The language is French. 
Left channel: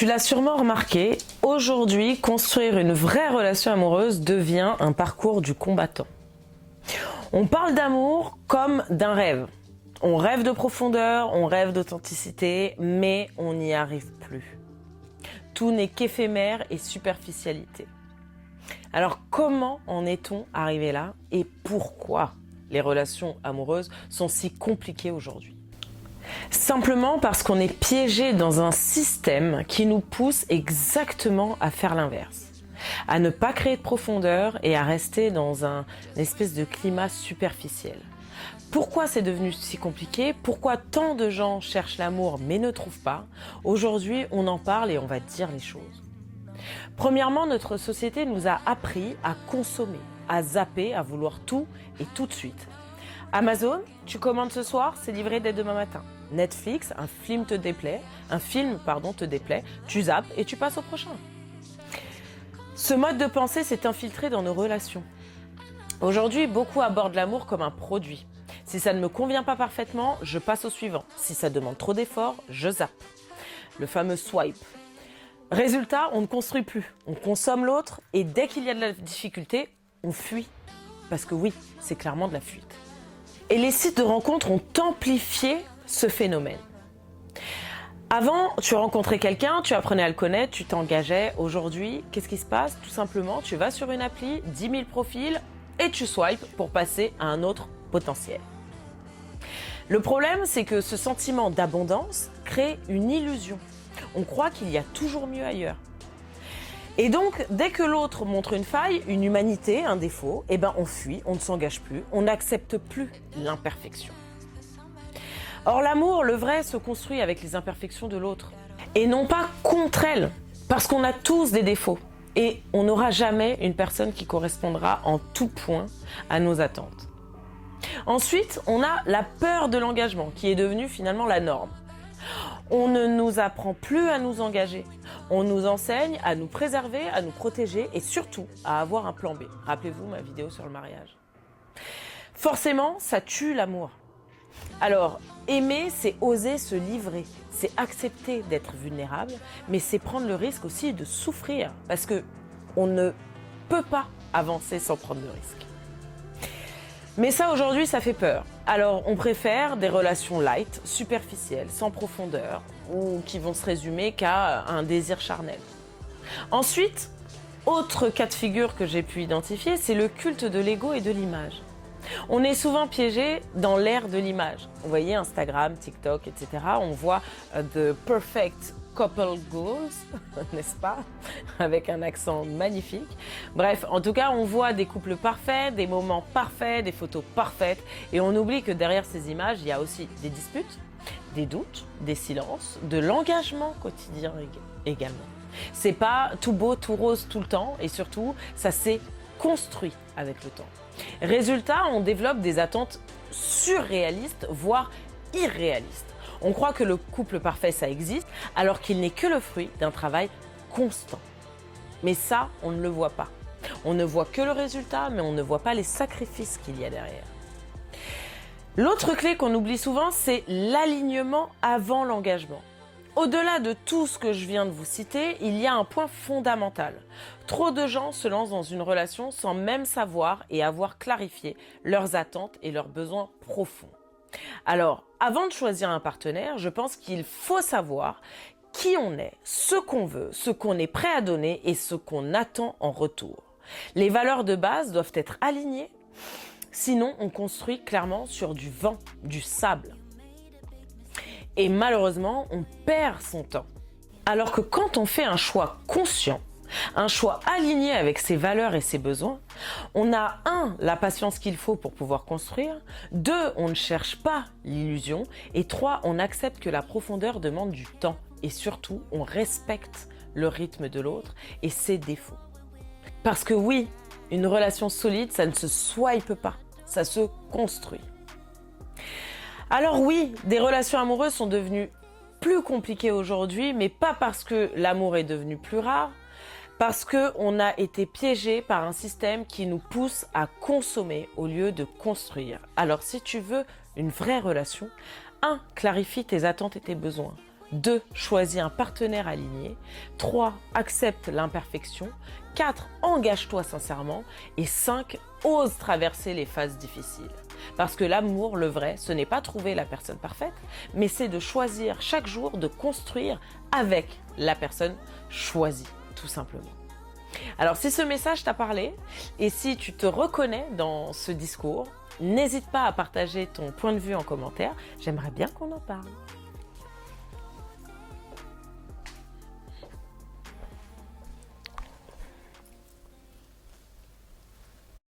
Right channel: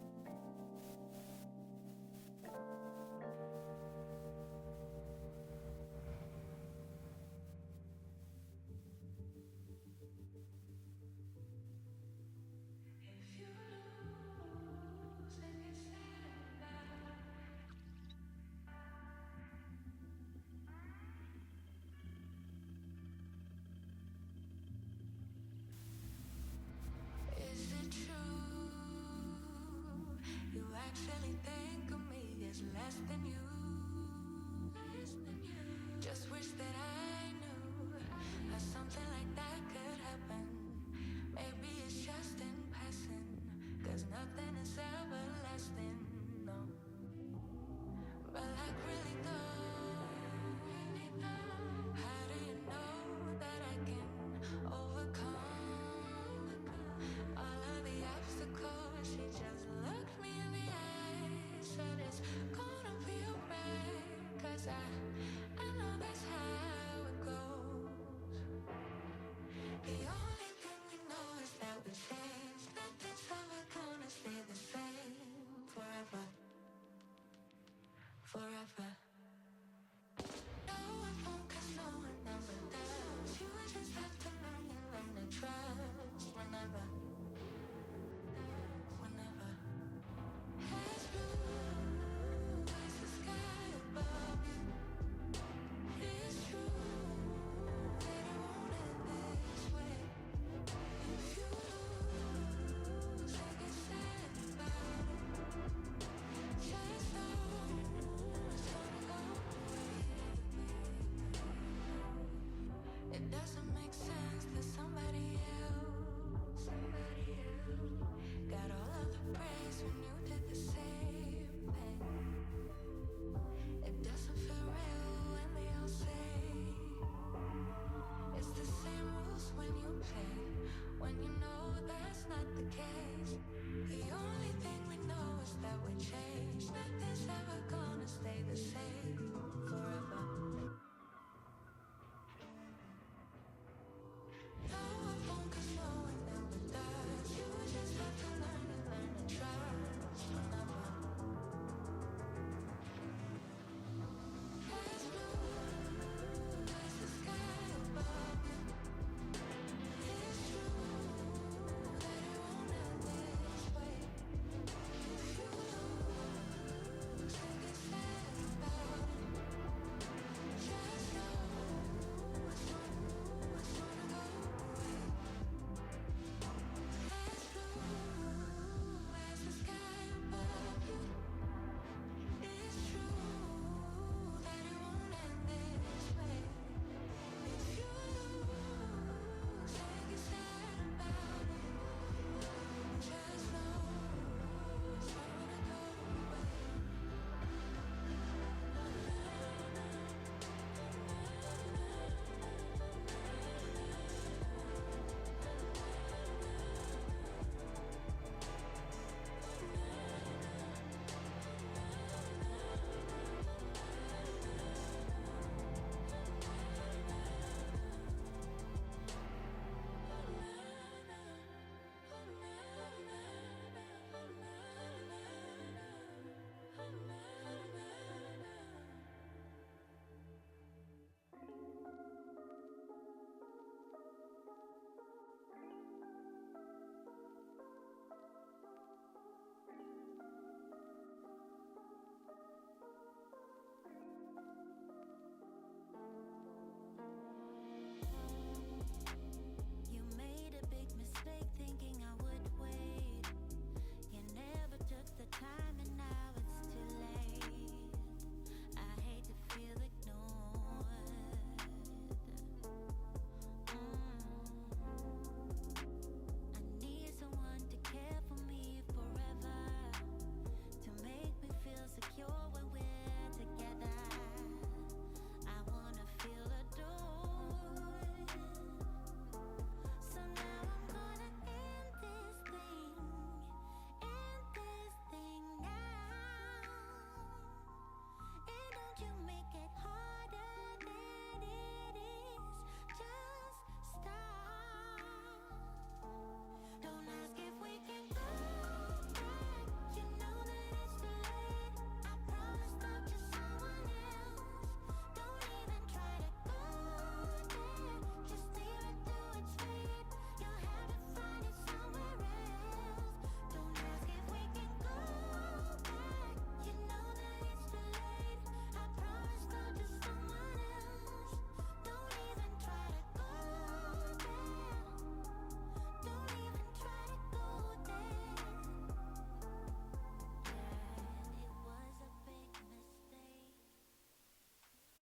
Tu l'as sûrement remarqué, aujourd'hui, construire une vraie relation amoureuse devient un parcours du combattant. On parle d'amour comme d'un rêve. On rêve de profondeur, on rêve d'authenticité, mais on n'y arrive plus. Tout n'est qu'éphémère et superficialité. Alors comment en est-on arrivé là et pourquoi les relations amoureuses sont si compliquées aujourd'hui ? Simplement parce qu'on est piégé dans un système qui nous pousse exactement à faire l'inverse, à ne pas créer de profondeur et à rester dans une espèce de climat superficiel. Pourquoi c'est devenu si compliqué ? Pourquoi tant de gens cherchent l'amour mais ne trouvent pas ? Aujourd'hui, on en parle et on va dire les choses. Premièrement, notre société nous a appris à consommer, à zapper, à vouloir tout et tout de suite. Amazon, tu commandes ce soir, c'est livré dès demain matin. Netflix, un film te déplaît, tu zappes et tu passes au prochain. Ce mode de pensée s'est infiltré dans nos relations. Aujourd'hui, beaucoup abordent l'amour comme un produit. Si ça ne me convient pas parfaitement, je passe au suivant. Si ça demande trop d'efforts, je zappe. Le fameux swipe. Résultat, on ne construit plus. On consomme l'autre et dès qu'il y a de la difficulté, on fuit. Parce que oui, c'est clairement de la fuite. Et les sites de rencontres ont amplifié ce phénomène. Avant, tu rencontrais quelqu'un, tu apprenais à le connaître, tu t'engageais. Aujourd'hui, qu'est-ce qui se passe ? Tout simplement, tu vas sur une appli, 10 000 profils et tu swipes pour passer à un autre potentiel. Le problème, c'est que ce sentiment d'abondance crée une illusion. On croit qu'il y a toujours mieux ailleurs. Et donc, dès que l'autre montre une faille, une humanité, un défaut, on fuit, on ne s'engage plus, on n'accepte plus l'imperfection. Or, l'amour, le vrai, se construit avec les imperfections de l'autre. Et non pas contre elle, parce qu'on a tous des défauts. Et on n'aura jamais une personne qui correspondra en tout point à nos attentes. Ensuite, on a la peur de l'engagement, qui est devenue finalement la norme. On ne nous apprend plus à nous engager. On nous enseigne à nous préserver, à nous protéger et surtout à avoir un plan B. Rappelez-vous ma vidéo sur le mariage. Forcément, ça tue l'amour. Alors, aimer, c'est oser se livrer. C'est accepter d'être vulnérable, mais c'est prendre le risque aussi de souffrir. Parce que on ne peut pas avancer sans prendre le risque. Mais ça, aujourd'hui, ça fait peur. Alors, on préfère des relations light, superficielles, sans profondeur, ou qui vont se résumer qu'à un désir charnel. Ensuite, autre cas de figure que j'ai pu identifier, c'est le culte de l'ego et de l'image. On est souvent piégé dans l'ère de l'image. Vous voyez, Instagram, TikTok, etc. On voit the perfect couple goals, n'est-ce pas ? Avec un accent magnifique. Bref, en tout cas, on voit des couples parfaits, des moments parfaits, des photos parfaites. Et on oublie que derrière ces images, il y a aussi des disputes, des doutes, des silences, de l'engagement quotidien également. C'est pas tout beau, tout rose tout le temps. Et surtout, ça s'est construit avec le temps. Résultat, on développe des attentes surréalistes, voire irréalistes. On croit que le couple parfait, ça existe, alors qu'il n'est que le fruit d'un travail constant. Mais ça, on ne le voit pas. On ne voit que le résultat, mais on ne voit pas les sacrifices qu'il y a derrière. L'autre clé qu'on oublie souvent, c'est l'alignement avant l'engagement. Au-delà de tout ce que je viens de vous citer, il y a un point fondamental. Trop de gens se lancent dans une relation sans même savoir et avoir clarifié leurs attentes et leurs besoins profonds. Alors, avant de choisir un partenaire, je pense qu'il faut savoir qui on est, ce qu'on veut, ce qu'on est prêt à donner et ce qu'on attend en retour. Les valeurs de base doivent être alignées, sinon on construit clairement sur du vent, du sable. Et malheureusement, on perd son temps. Alors que quand on fait un choix conscient, un choix aligné avec ses valeurs et ses besoins, on a 1, la patience qu'il faut pour pouvoir construire, 2, on ne cherche pas l'illusion, et 3, on accepte que la profondeur demande du temps. Et surtout, on respecte le rythme de l'autre et ses défauts. Parce que oui, une relation solide, ça ne se swipe pas, ça se construit. Alors oui, des relations amoureuses sont devenues plus compliquées aujourd'hui, mais pas parce que l'amour est devenu plus rare, parce qu'on a été piégé par un système qui nous pousse à consommer au lieu de construire. Alors si tu veux une vraie relation, 1, clarifie tes attentes et tes besoins. 2. Choisis un partenaire aligné. 3. Accepte l'imperfection. 4. Engage-toi sincèrement. Et 5. Ose traverser les phases difficiles. Parce que l'amour, le vrai, ce n'est pas trouver la personne parfaite, mais c'est de choisir chaque jour de construire avec la personne choisie, tout simplement. Alors si ce message t'a parlé et si tu te reconnais dans ce discours, n'hésite pas à partager ton point de vue en commentaire. J'aimerais bien qu'on en parle.